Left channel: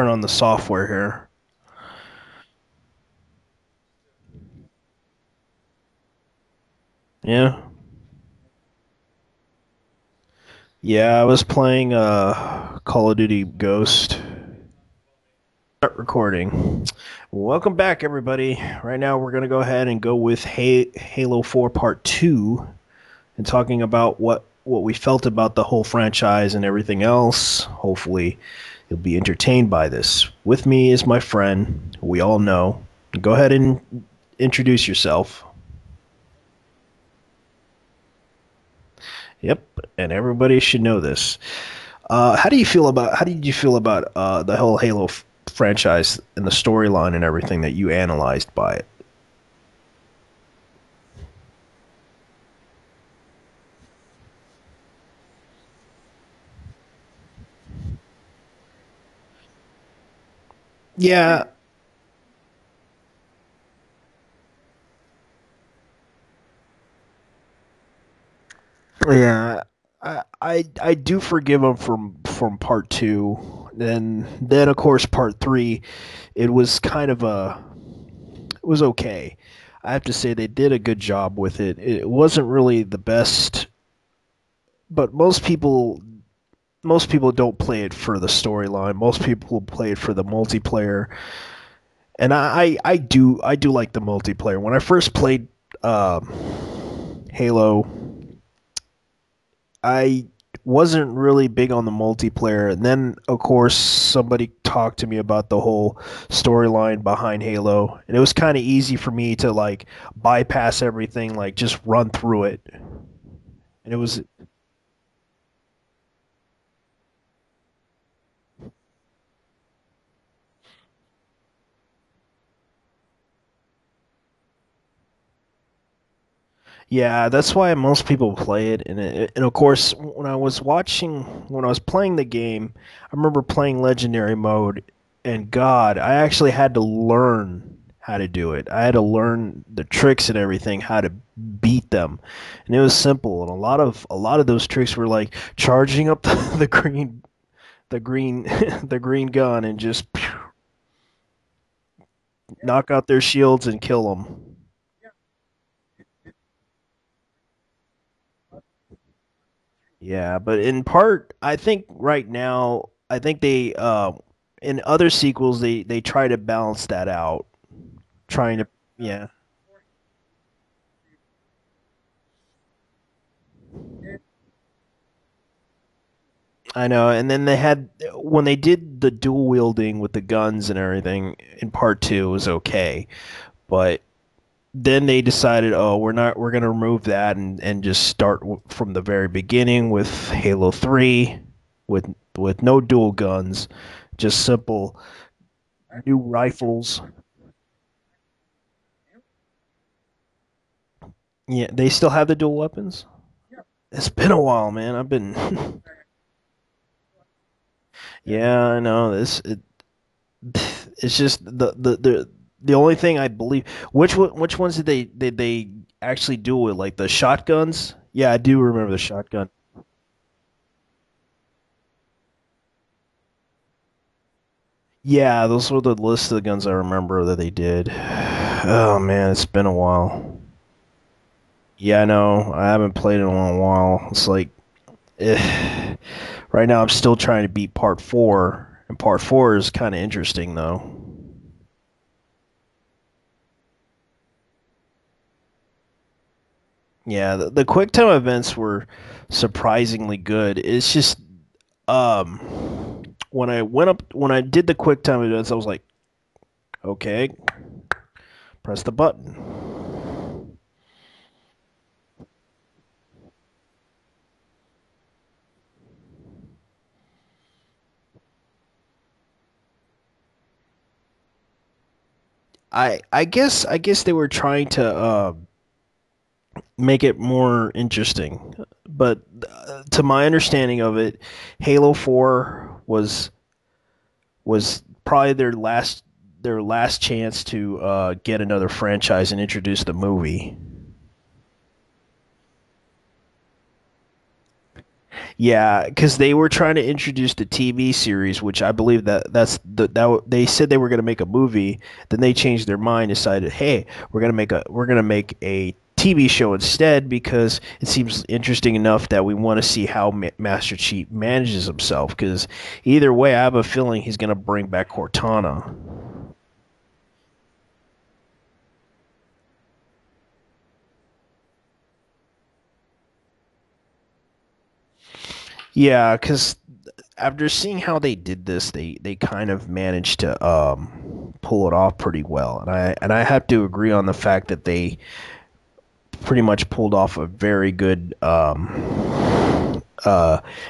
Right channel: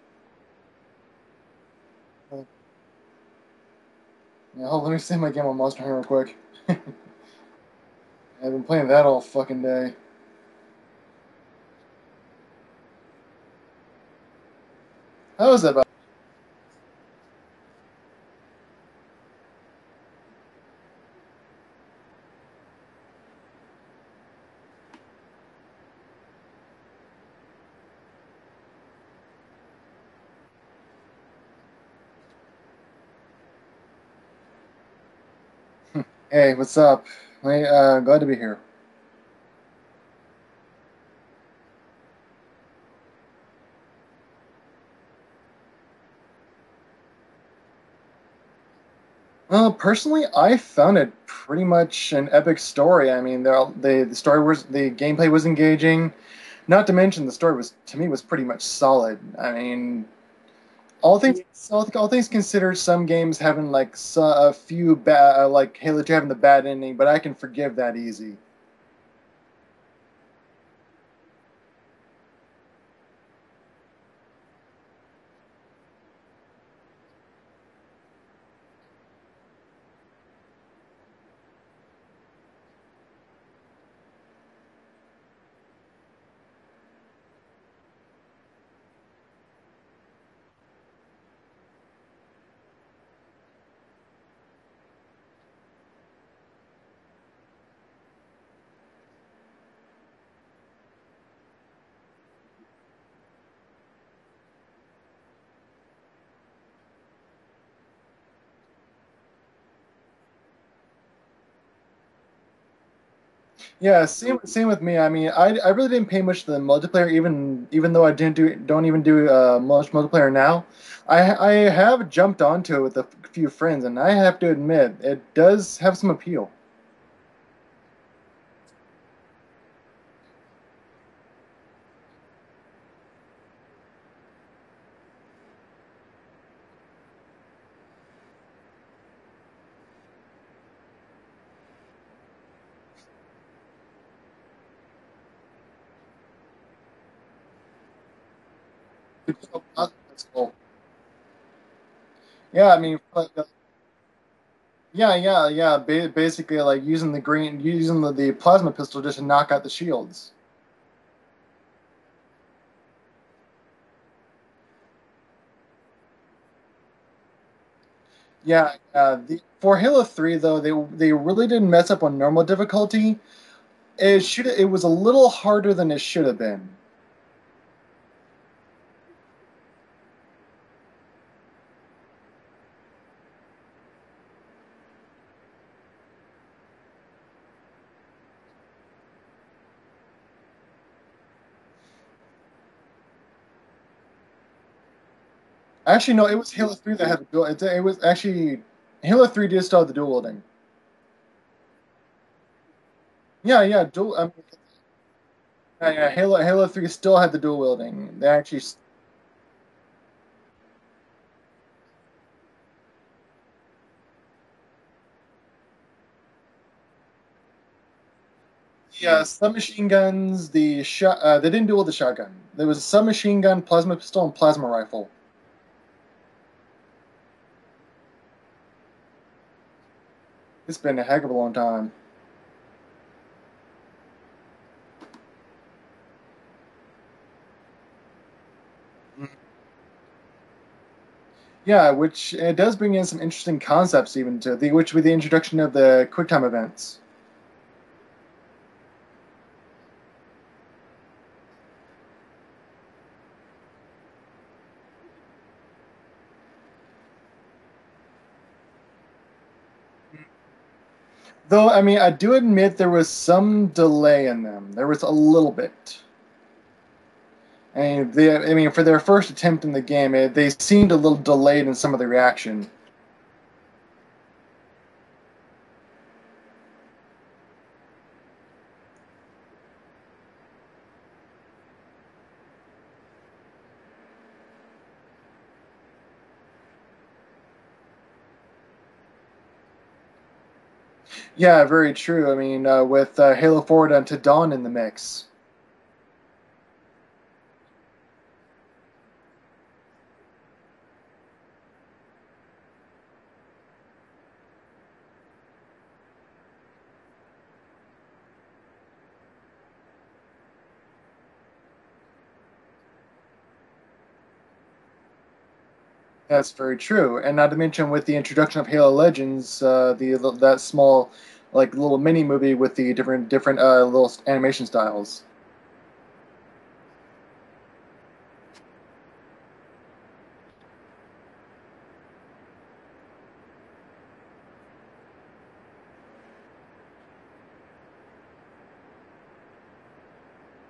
turn on the software here. Yeah, hold, let me save my game on Monster Hunter real quick. Yeah? I've been playing that all fucking day. Yeah, I was playing Call of Duty Ghost. How is that about? Start recording. Welcome back, everybody. Right now, we're going to go ahead and go with Halo 4 Part 2 and talking about what we felt about the whole franchise and everything else. Hopefully, you'll be entertained by this. With me is my friend, who we all know. Go ahead and introduce yourself. Hey, what's up? Hey, glad to be here. Yep, and everybody should know this. How did you feel about the whole Halo franchise and the storyline and everything that you analyzed by it? Well, personally, I found it pretty much an epic story. I mean, the story was the gameplay was engaging. Not to mention the story was to me was pretty much solid. I mean, Yeah, all things considered, some games having like a few bad like Halo 2 having the bad ending, but I can forgive that easy. yeah, I do forgive him from part two. Then of course part three, it was kind of it was okay. I have to say they did a good job with it. It wasn't really the best, but most people don't play it for the storyline. Most people play it for the multiplayer. And I do like the multiplayer. When I first played uh, Halo, I wasn't really big on the multiplayer, and then of course somebody talked to me about the whole storyline behind Halo, and it was kind of easy for me to like bypass everything, like just run through it. And it Yeah, was same with me. I mean, I really didn't pay much to the multiplayer, even though I didn't do don't even do much multiplayer now. I have jumped onto it with a few friends, and I have to admit it does have some appeal. Yeah, that's why most people play it. And of course, when I was playing the game, I remember playing Legendary mode, and God, I actually had to learn how to do it. I had to learn the tricks and everything, how to beat them, and it was simple. And a lot of those tricks were like charging up the the green, the green gun and just Yeah, I knock mean, out their shields and kill them. yeah. Basically, like using the plasma pistol just to knock out the shields. Yeah, but in part, I think right now, I think they in other sequels they try to balance that out, trying to yeah. For Halo 3 though, they really didn't mess up on normal difficulty. It was a little harder than it should have been. I know, and then they had when they did the dual wielding with the guns and everything in part 2 it was okay, but then they decided, oh, we're gonna remove that and just start from the very beginning with Halo 3 with with no dual guns, just simple Actually, dual no, it was Halo 3 rifles. that had the dual. It was actually Halo 3 did still have the dual wielding. Yeah, they still have the dual weapons. Yeah. It's been a while, man. I've been. Yeah. Halo 3 still had the dual wielding. They actually, Yeah, I know. It's just the only thing I believe. Which ones did they actually do it? Like the shotguns? Yeah, I do remember the shotgun. submachine guns. They didn't dual the shotgun. There was a submachine gun, plasma pistol, and plasma rifle. Yeah, those were the list of the guns I remember that they did. Oh man, it's been a while. It's been a heck of a long time. Yeah, I know. I haven't played in a long while. It's like, eh. Right now I'm still trying to beat part four, and part four is kind of interesting though. Yeah, which it does bring in some interesting concepts even to the which with the introduction of the QuickTime events. Yeah, the quick time events were surprisingly good. It's just um when I did the quick time events, I was like, okay, press the button. Though, I mean, I do admit there was some delay in them. There was a little bit. I mean, for their first attempt in the game, they seemed a little delayed in some of the reaction. I guess they were trying to make it more interesting, but to my understanding of it, Halo 4 was probably their last chance to get another franchise and introduce the movie. Yeah, very true. I mean, with Halo 4 to Dawn in the mix. Yeah, because they were trying to introduce the TV series, which I believe they said they were going to make a movie. Then they changed their mind, decided, hey, we're gonna make a TV show instead because it seems interesting enough that we want to see how Master Chief manages himself. Because either way, I have a feeling he's going to bring back Cortana. That's very true. And not to mention with the introduction of Halo Legends, the that small, like little mini movie with the different little animation styles. Yeah, because after seeing how they did this, they kind of managed to pull it off pretty well, and I have to agree on the fact that they pretty much pulled off a very good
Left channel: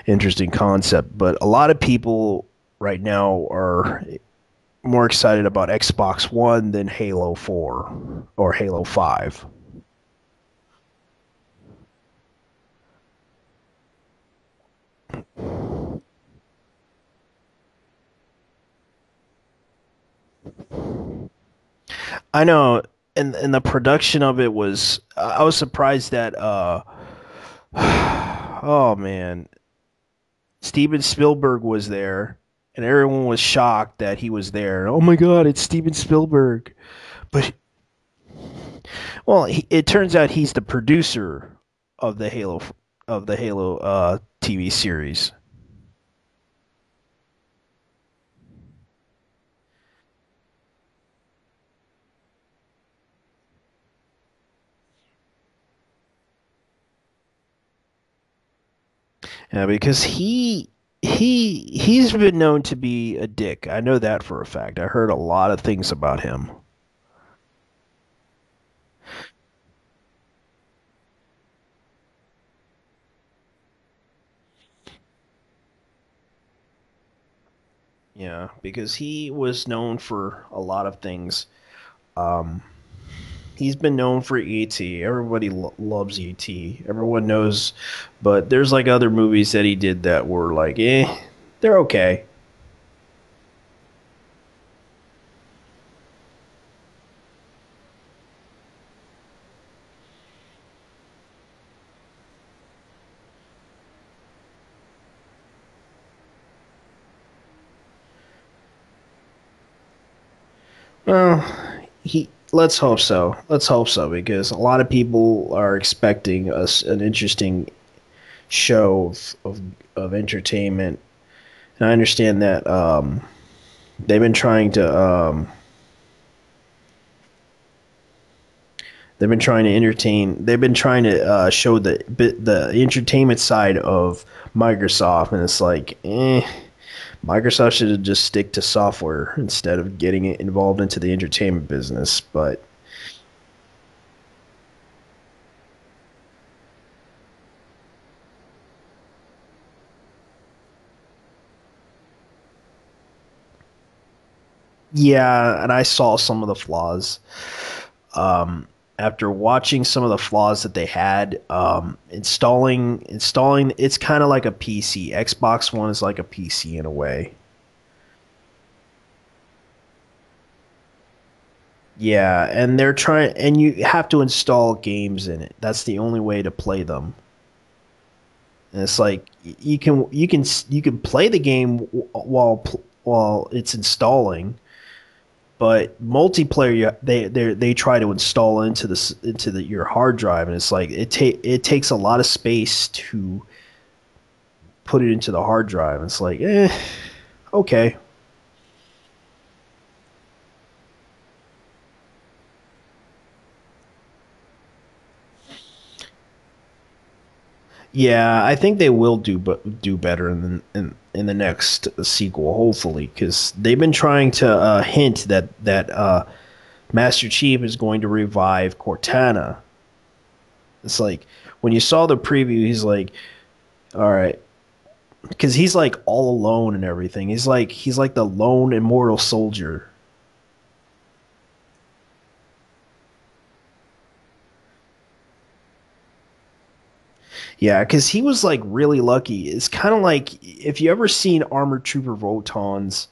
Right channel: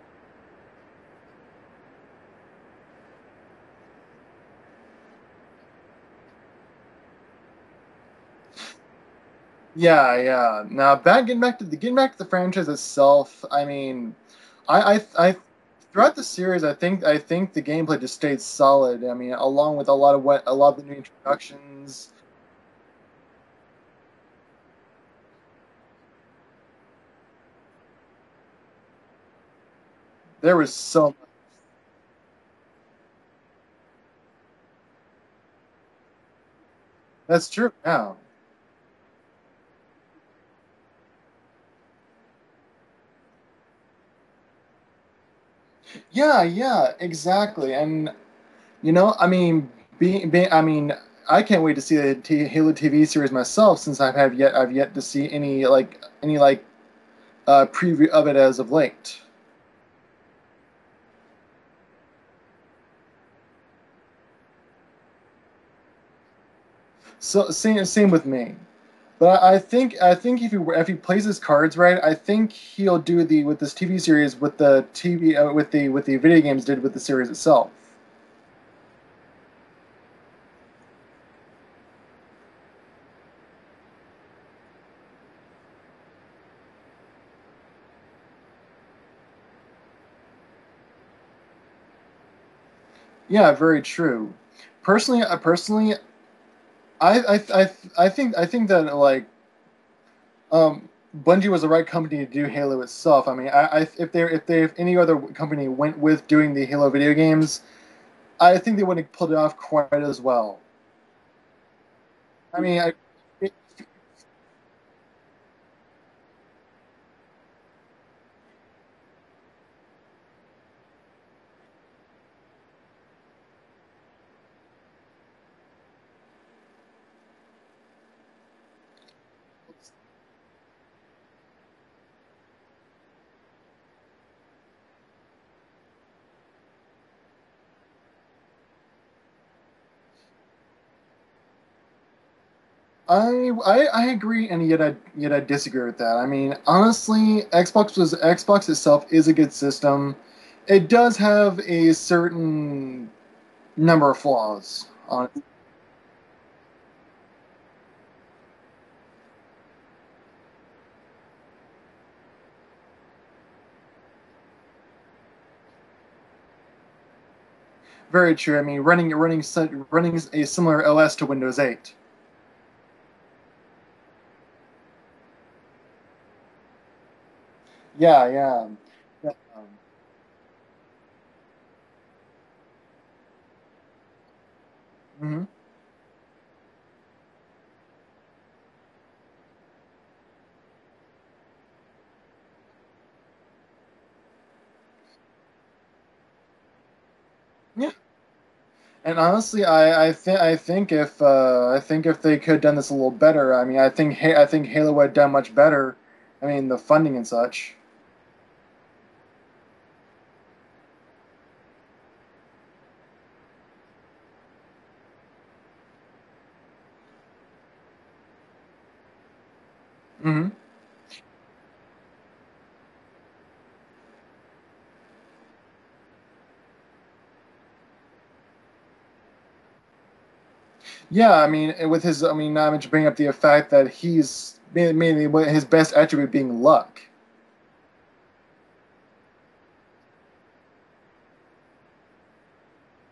interesting concept. But a lot of people right now are more excited about Xbox One than Halo 4 or Halo 5. Yeah, yeah. Now getting back to the franchise itself. I mean, I throughout the series, I think the gameplay just stayed solid. I mean, along with a lot of the introductions. I know, and the production of it was I was surprised that oh man, There was Steven so Spielberg was there, and everyone was shocked that he was there. Oh my God, it's Steven Spielberg! That's But true. Yeah. well, it turns out he's the producer of the Halo TV series. Yeah, yeah, exactly. And I mean, I mean, I can't wait to see the Halo TV series myself, since I've yet to see any preview of it as of late. Yeah, because he's been known to be a dick. I know that for a fact. I heard a lot of things about him. So same with me. But I think if he plays his cards right, I think he'll do the with this TV series with the TV with the video games did with the series itself. Yeah, because he was known for a lot of things. Um, he's been known for E.T. Everybody loves E.T. Everyone knows, but there's like other movies that he did that were like, they're okay. Yeah, very true. Personally, I think that um, Bungie was the right company to do Halo itself. I mean, if any other company went with doing the Halo video games, I think they wouldn't have pulled it off quite as well. Well, he. I Let's mean, hope so. Let's hope so because a lot of people are expecting us an interesting show of entertainment. And I understand that they've been trying to they've been trying to entertain. They've been trying to show the entertainment side of Microsoft, and it's like, Microsoft should just stick to software instead of getting it involved into the entertainment business. But I agree, and yet I disagree with that. I mean, honestly, Xbox itself is a good system. It does have a certain number of flaws. yeah, and I saw some of the flaws. Um, After watching some of the flaws that they had, installing, it's kind of like a PC. Xbox One is like a PC in a way. Very true. I mean, running a similar OS to Windows 8. Yeah, and they're trying, and you have to install games in it. That's the only way to play them. Yeah, yeah. And it's like Yeah. you can play the game while it's installing, Hmm. but multiplayer they try to install into the your hard drive, and it's like it takes a lot of space to put it into the hard drive. It's like, Yeah. okay. And honestly, I think if they could have done this a little better, I mean, I think Halo would have done much better. I mean, the funding and such. Yeah, I think they will do better in the next sequel, hopefully, because they've been trying to hint that Master Chief is going to revive Cortana. Hmm. It's like when you saw the preview, he's like, all right, because he's like all alone and everything. He's like the lone immortal soldier. Yeah, I mean, I mean, not to bring up the fact that mainly his best attribute being luck. Yeah, because he was like really lucky. It's kind of like if you ever seen Armored Trooper Votons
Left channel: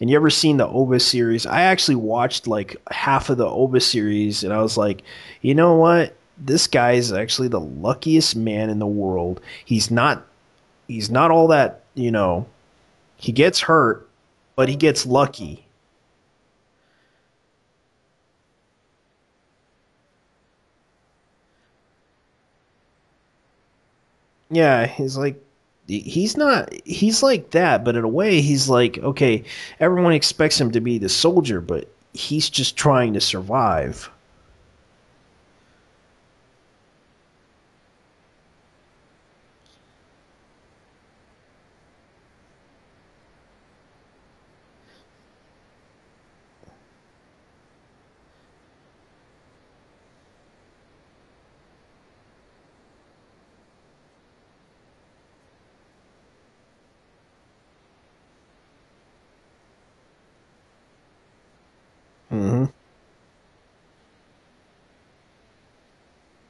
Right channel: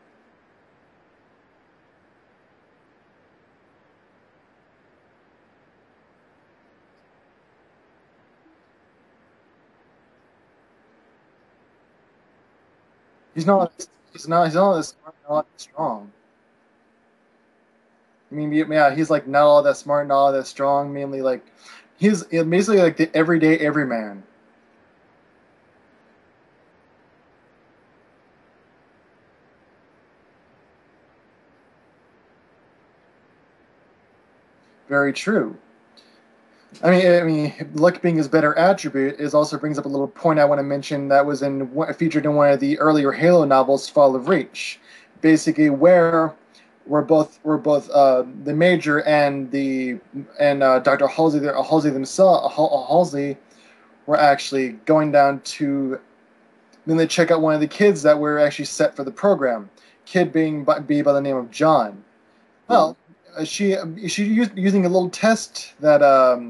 and you ever seen the OVA series. I actually watched like half of the OVA series, and I was like, you know what? this guy is actually the luckiest man in the world. He's not all that, he He's gets not. hurt, He's but he not as gets smart, not lucky. as strong. I mean, yeah, he's like not all that smart, not all that strong. Mainly like he's basically like the everyday everyman. Yeah, he's like that, but in a way he's like, okay, everyone expects him to be the soldier, but he's just trying to survive. Very true. I mean, luck being his better attribute is also brings up a little point I want to mention that was featured in one of the earlier Halo novels, Fall of Reach, basically where we're both the Major and the and Dr. Halsey were actually going down to then they check out one of the kids that were actually set for the program, kid being be by the name of John. Hmm. Well, she using a little test that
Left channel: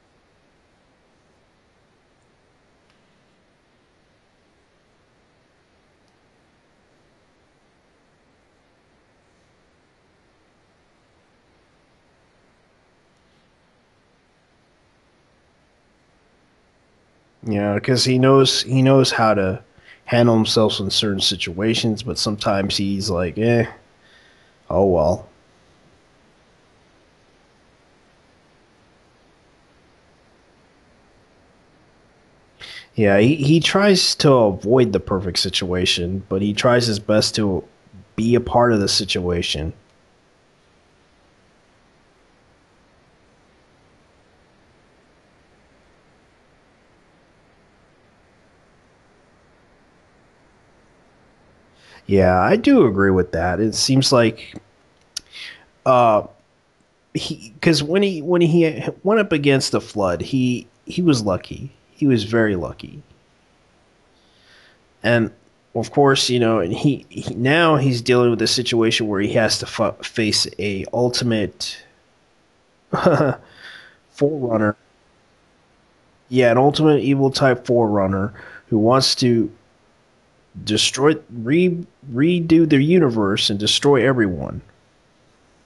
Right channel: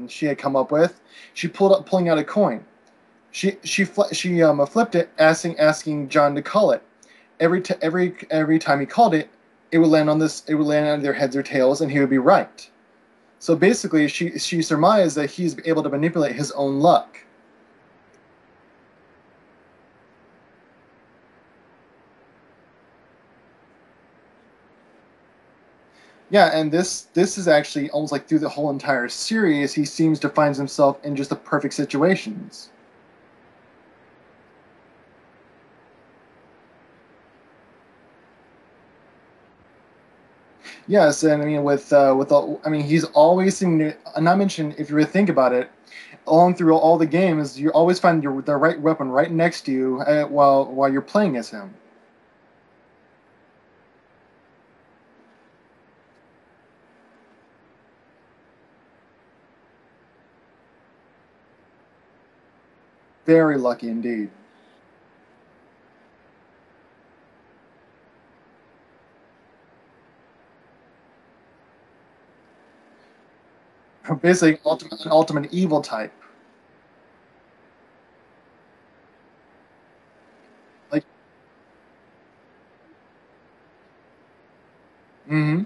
she had come up with. She pulling out a coin. She flipped it, asking John to call it. Every time he called it, it would land on this. It would land on their heads or tails, and he would be right. So basically, she surmised that he's able to manipulate his own luck. Yeah, because he knows how to handle himself in certain situations, but sometimes he's like, oh well. Yeah, and this is actually almost like through the whole entire series, he seems to find himself in just the perfect situations. Yeah, he tries to avoid the perfect situation, but he tries his best to be a part of the situation. Yes, and I mean with all, I mean he's always seeming to, not mention if you really think about it, along through all the games, you always find the right weapon right next to you while you're playing as him. Yeah, I do agree with that. It seems like uh he because when he went up against the flood, he was lucky. He was very lucky. Very lucky indeed. And of course, and he now he's dealing with a situation where he has to face a ultimate Basically, forerunner. an ultimate evil type. Yeah, an ultimate evil type forerunner who wants to Like, destroy redo the universe and destroy everyone. mm-hmm.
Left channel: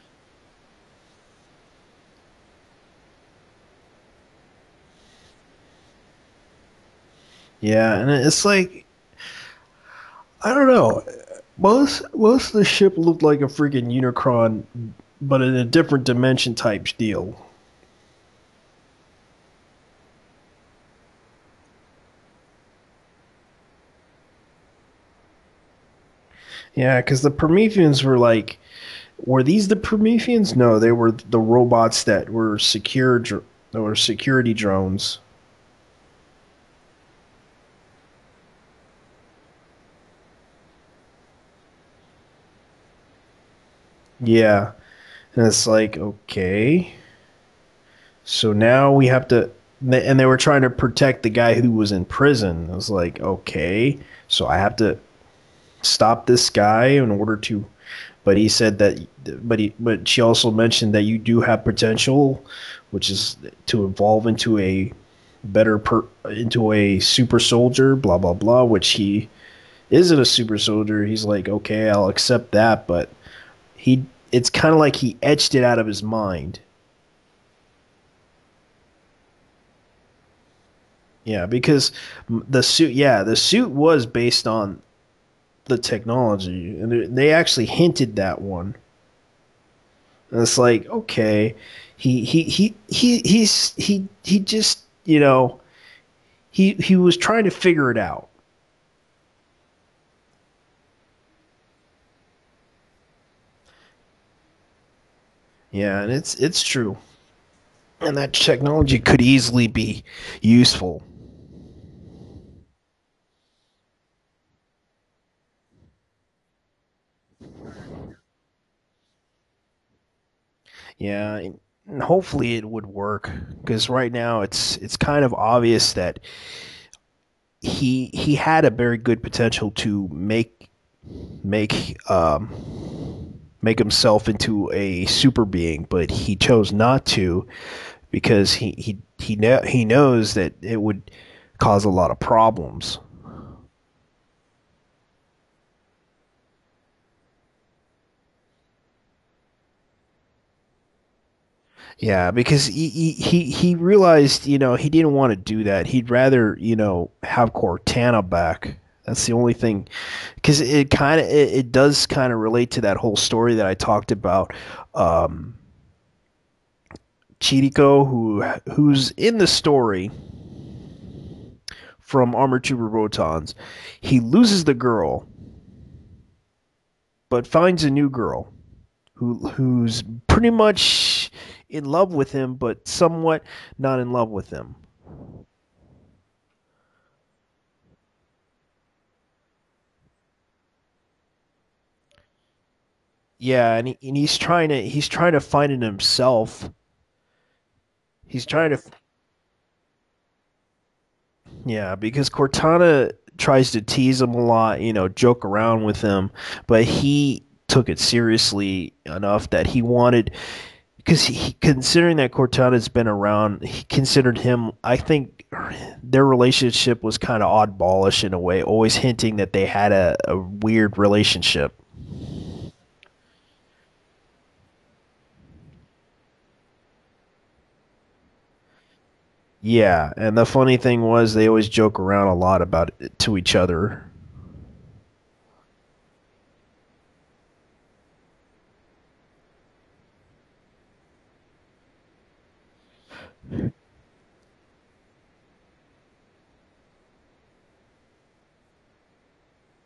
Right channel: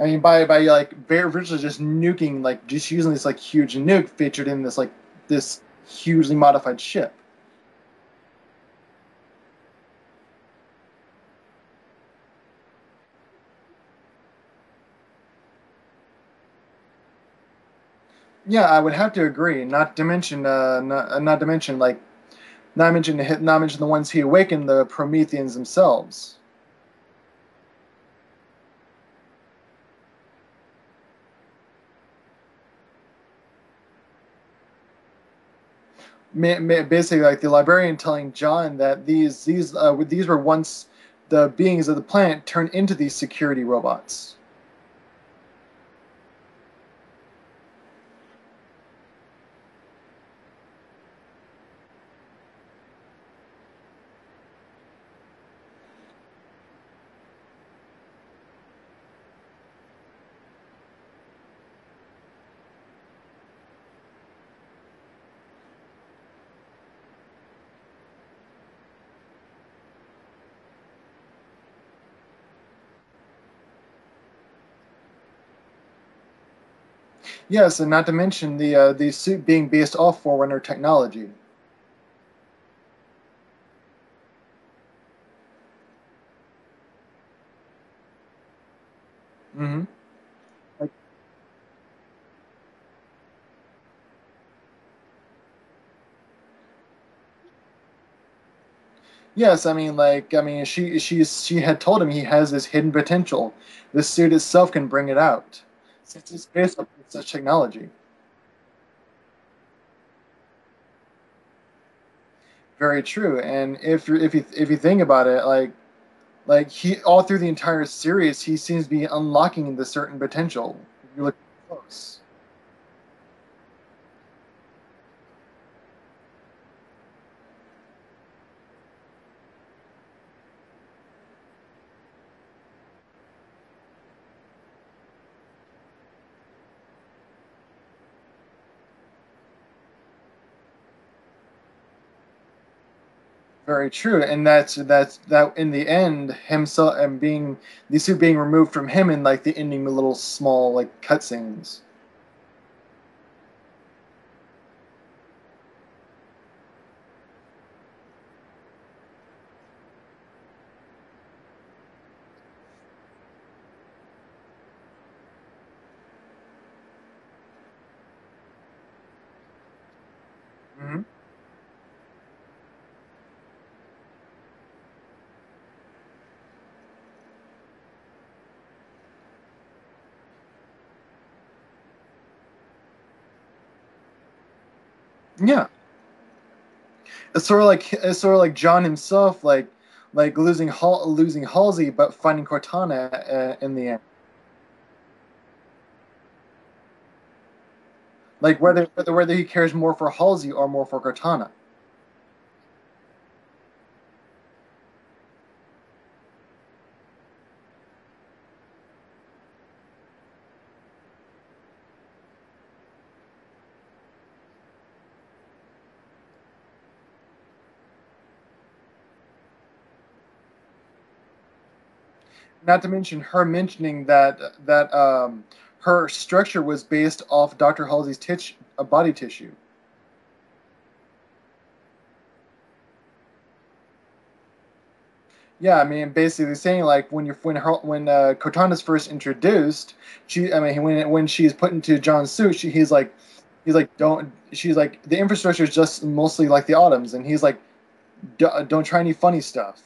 I mean, by like very virtually just nuking, like just using this like huge nuke featured in this hugely modified ship. Yeah, and it's like I don't know. Most of the ship looked like a freaking Unicron, but in a different dimension type deal. Yeah, I would have to agree. Not to mention not mention the ones he awakened, the Prometheans themselves. Yeah, because the Prometheans were these the Prometheans? No, they were the robots that were security drones. Basically, like the librarian telling John that these were once the beings of the planet turned into these security robots. Yeah, and it's like okay, so now we have to, and they were trying to protect the guy who was in prison. I was like, okay, so I have to stop this guy in order to. But he said that, but she also mentioned that you do have potential, which is to evolve into a into a super soldier. Blah blah blah. Which he isn't a super soldier. He's like, okay, I'll accept that, but he, it's kind of like he etched it out of his mind. Yes, and not to mention the suit being based off Forerunner technology. Yeah, because the suit was based on the technology, and they actually hinted that one. Hmm. And it's like, Like, okay, he just, he was trying to figure it out. yes, I mean, she had told him he has this hidden potential. The suit itself can bring it out. Yeah, and it's It's it's based on true, such technology. and that technology could easily be useful. Very true. And if you think about it, like he all through the entire series, he seems to be unlocking the certain potential. You Yeah, look and close. hopefully it would work because right now it's kind of obvious that he had a very good potential to make make himself into a super being, but he chose not to because he knows that it would cause a lot of problems. very true, and that in the end, himself and being the suit being removed from him in like the ending, the little small like cutscenes. Yeah, because he realized, he didn't want to do that. He'd rather, have Cortana back. That's the only thing, because it does kind of relate to that whole story that I talked about. Um, Chiriko, who's in the story Hmm. from Armored Trooper Rotons, he loses the girl, but finds a new girl who's pretty much in love with him, but somewhat not in love with him. Yeah, it's sort of like John himself, like losing Halsey, but finding Cortana Yeah, in the and, end. he's trying to find it himself. He's Like trying to, whether he cares more for Halsey or more for Cortana. yeah, because Cortana tries to tease him a lot, joke around with him, but he took it seriously enough that he wanted, because considering that Cortana's been around, he considered him. I think their relationship was kind of oddballish in a way, always hinting that they had a weird relationship. Not to mention her mentioning that her structure was based off Dr. Halsey's body tissue. Yeah, and the funny thing was they always joke around a lot about it to each other. Yeah, I mean, basically saying like when Cortana's first introduced, I mean, when she's put into John's suit, he's like, don't. She's like, the infrastructure is just mostly like the Autumns, and he's like, don't try any funny stuff.